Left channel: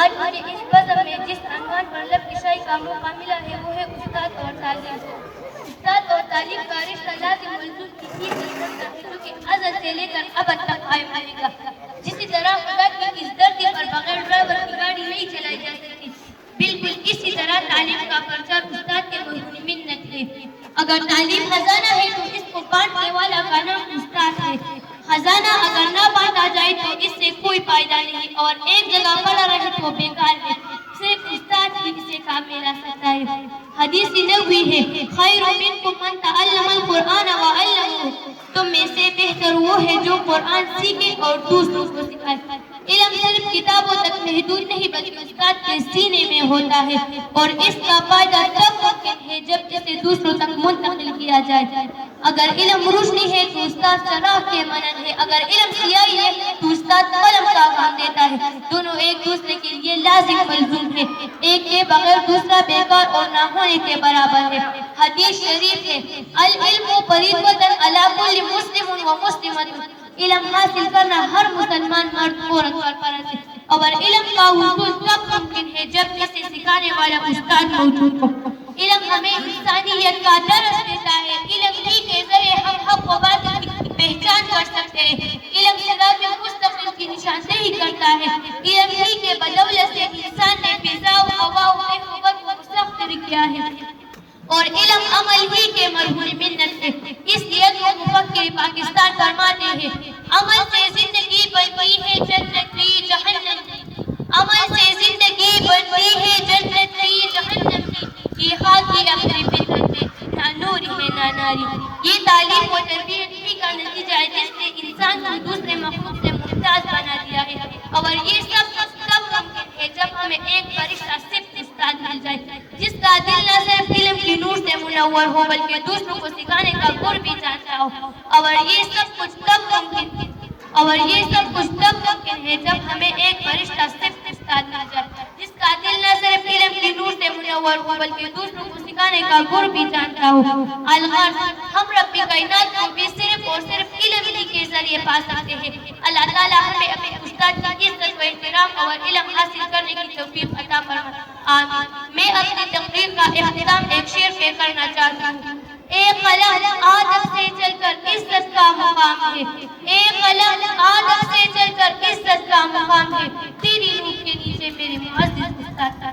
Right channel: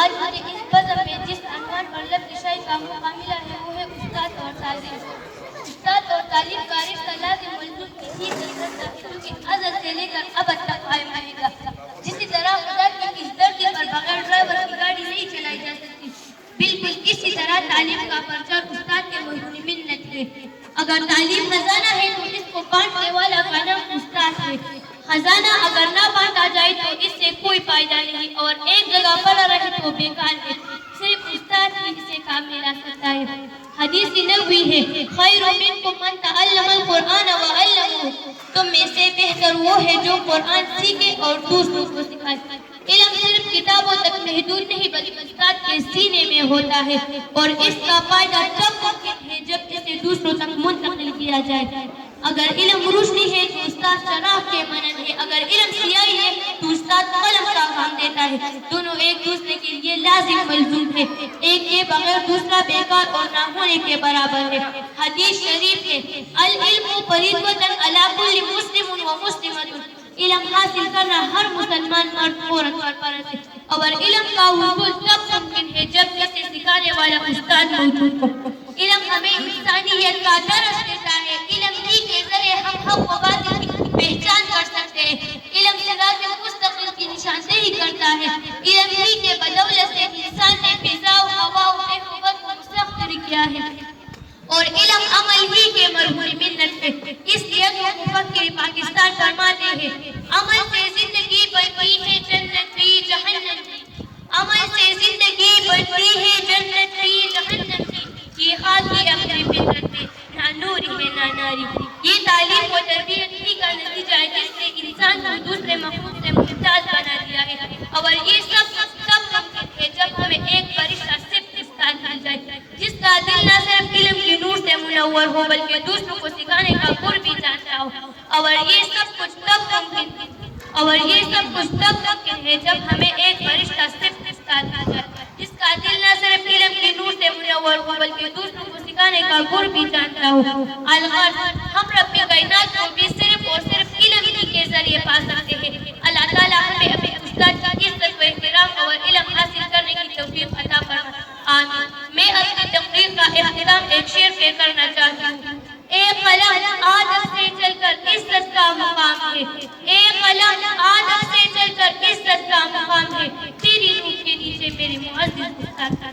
آج مجھے اس بزم میں جس عنوان پر لب کشائی کا موقع ملا ہے وہ ہے استاد اور تعلیم۔ استاد اور تعلیم کا رشتہ لازم ملزوم کسی قدرت کا ہے جو کہ ازل سے لے کر ابد تک قائم رہے گا۔ جسی طرح خدا کی اس دھرتی پر بغیر ڈرائیور کی گاڑی نہیں چلائی جا سکتی، بالکل اسی طرح تعلیم کا پرچہ استاد کے محض منت ہے۔ اگر تعلیم خزانہ ہے تو اس کو بانٹنے والا کا نام استاد ہے۔ خزانہ اگر نہ بانٹا جائے تو اس سے کوئی فائدہ نہیں اور ایک جگہ پڑا رہے تو بیکار ہے۔ صرف استاد ہی اسے کام میں لا سکتا ہے۔ حدیث نبوی ہے، خیر منکم من تعلم القرآن وعلمہ، تم میں سے بہتر وہ ہے جو قرآن سیکھے اور دوسروں کو سکھائے۔ علم صرف کتابوں تک محدود نہیں بلکہ استاد کے سینے میں ہوتا ہے اور اس کا فائدہ تب ممکن ہے جب اسے دوسروں تک منتقل کیا جائے۔ اگر علم روشنی ہے تو استاد چراغ کے مانند ہے، اگر علم سیاہی ہے تو استاد قلم کا کام دیتا ہے۔ دونوں ایک دوسرے کے لیے لازم ملزوم ہے، ایک کے بغیر دوسرا بیکار اور نہ ہونے کے برابر ہے۔ حدیث شریف ہے، العلم فریضۃ علی کل مسلم و مسلمۃ، علم حاصل کرنا ہر مسلمان مرد عورت پر فرض ہے۔ اور علم کا حصول تب ممکن ہے جب اسے سکھانے والا استاد موجود ہو۔ علم ہمیں انسانیت کا درس دیتا ہے، علم ہی کے ذریعے ہم حق و باطل کی پہچان کر سکتے ہیں، علم صراط مستقیم کی نشاندہی کرتا ہے، علم ہی کے بدولت سے انسان نے فضا و ہوا و بحر کو مسخر کیا ہے اور علم عمل ہی کے مرہون منت ہے۔ اس لیے تو مفکر پاکستان فرماتے ہیں، عمل سے زندگی بنتی ہے جنت بھی جہنم بھی، عمل سے زندگی بنتی ہے جنت بھی جہنم بھی، یہ خاکی اہل فطرت ہے، نہ نور ہے نہ ناری۔ یہ تعلیم و تربیت ہی کا نتیجہ ہے جس نے انسان کو دوسرے مخلوق سے ممتاز بنا دیا ہے، اور یہ سب تب ممکن ہے جب ہمیں ایک فرشتہ صرف استاد مل جائے جس کا دل نہ صرف علم کی نور سے منور ہو بلکہ دوسروں کو سکھانے کا گر بھی جانتا ہو، اور یہ سب کچھ تب ممکن ہے جب ہمیں ایک فرشتہ صرف استاد مل جائے جس کا دل نہ صرف علم کی نور سے منور ہو بلکہ دوسروں کو سکھانے کا گر بھی جانتا ہو۔ الغرض ہم رب کائنات کو بھی صرف اور صرف علم ہی کے ذریعے پا سکتے ہیں۔ اللہ تعالیٰ ہمیں اپنے استاد کی عزت و احترام اور علم حاصل کرنے کی توفیق عطا فرمائے، آمین۔ میں اپنی تقریر کا اختتام ایک شعر سے کرنا چاہتی ہوں۔ اے قلم آدم سے چل کر عزت کا مقام ہے، اے قلم آدم سے چل کر عزت کا مقام ہے، تیری روح کے نیچے میرے معزز استاد کا